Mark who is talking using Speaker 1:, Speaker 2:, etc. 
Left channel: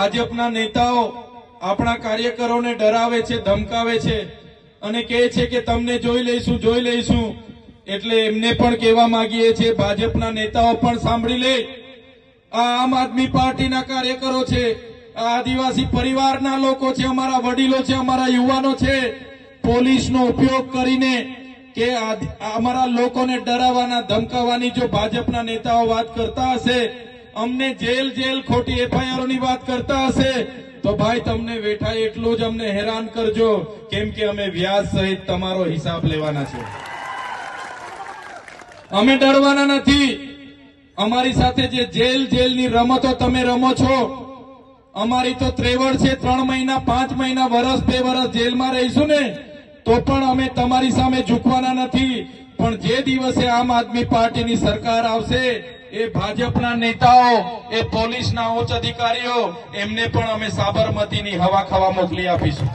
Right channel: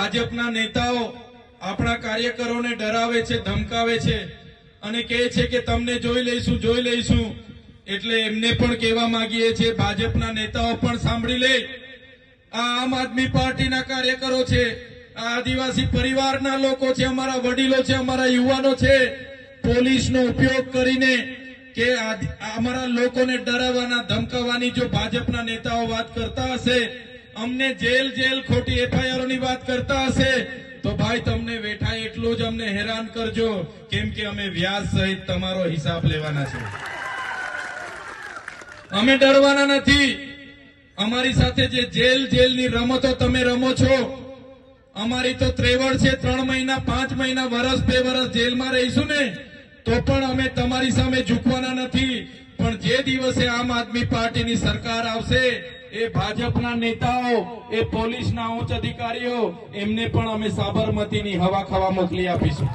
Speaker 1: ભાજપના નેતાઓ આપણા કાર્યકરોને ડરાવે છે, ધમકાવે છે અને કહે છે કે તમને જોઈ લઈશું જોઈ લઈશું. એટલે એમને પણ કહેવા માંગીએ છીએ, ભાજપના નેતાઓ પણ સાંભળી લે. આ આમ આદમી પાર્ટીના કાર્યકરો છે, આ આદિવાસી પરિવારના લોકો છે, અમારા વડીલો છે, અમારા યુવાનો છે. પોલીસનો ઉપયોગ કરીને કે અમારા લોકોને ડરાવવાના, ધમકાવવાની જો ભાજપના નેતાઓ વાત કરતા હશે અમને જેલ જેલ ખોટી એફઆઈઆરની વાત કરતા હશે, તો ભાઈ તમને વેઠા એટલું જ અમને હેરાન કરજો, કેમ કે અમે વ્યાજ સહિત તમારો હિસાબ લેવાના છે. અમે ડરવાના નથી. અમારી સાથે જે જેલ જેલની રમતો તમે રમો છો, અમારી તો ત્રેવડ છે, ત્રણ મહિના, પાંચ મહિના, વરસ બે વરસ જેલમાં રહીશું ને, તો પણ અમે તમારી સામે ઝૂકવાના નથી. પણ જે દિવસે આમ આદમી પાર્ટીની સરકાર આવશે એ ભાજપના નેતાઓ, એ પોલીસના ઉચ્ચ અધિકારીઓ, એમને પણ અમે સાબરમતીની હવા ખાવા મોકલી આપીશું.